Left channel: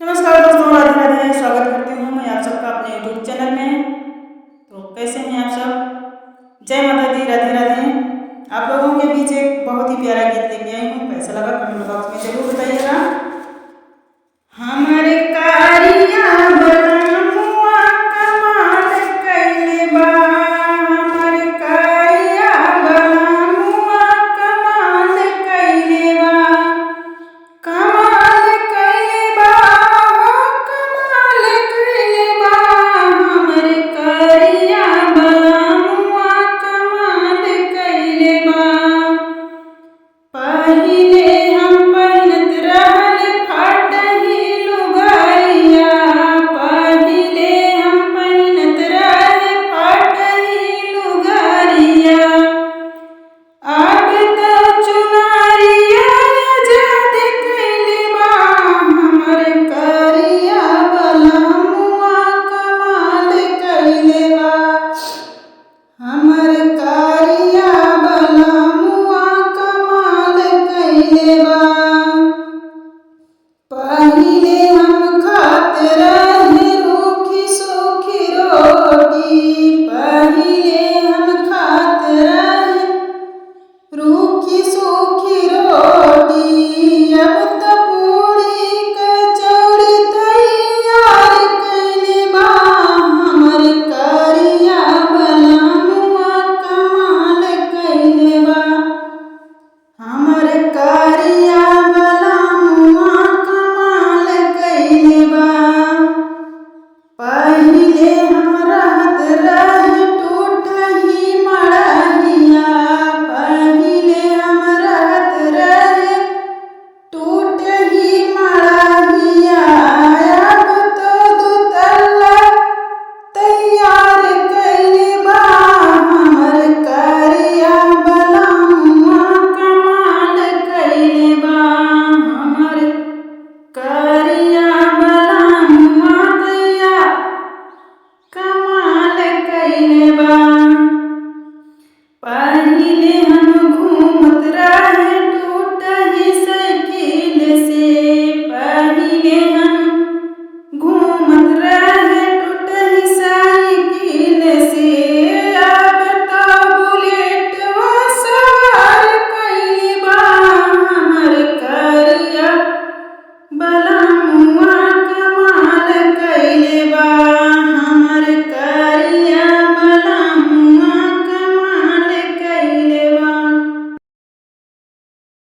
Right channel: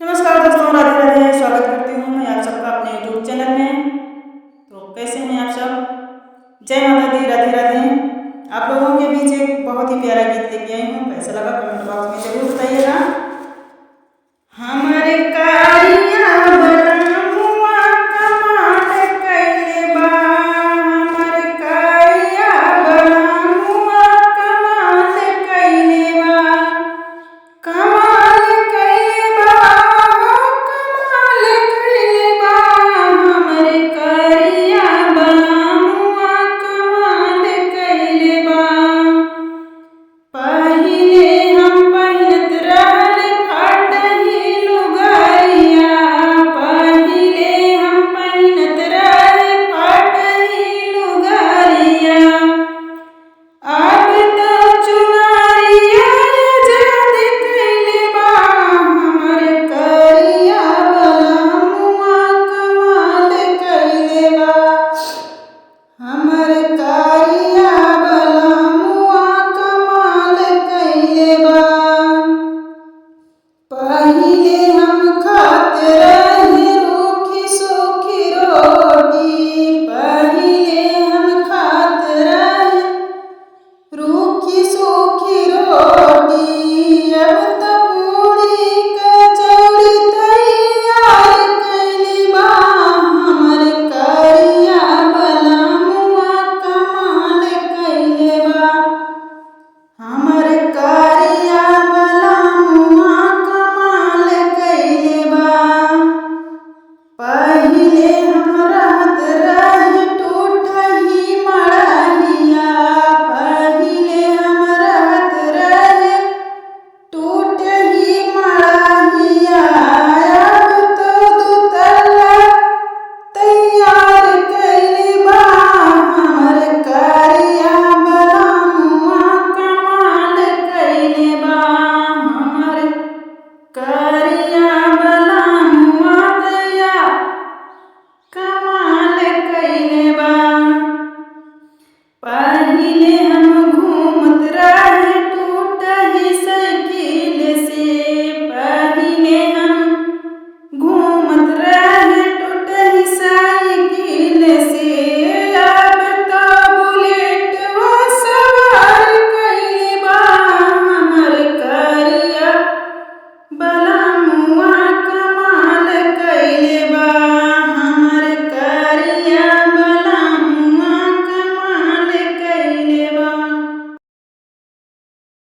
नमस्कार दोस्तों, राधे राधे। स्वागत करती हूँ मैं आप सबका अपने यूट्यूब चैनल में। तो कैसे हैं आप सब? जय माता दी, राधे राधे। आप लोगों के बीच एक बहुत ही प्यारा गीत लेके आई हूँ। कैसा लगा कमेंट बॉक्स में ज़रूर बताइएगा।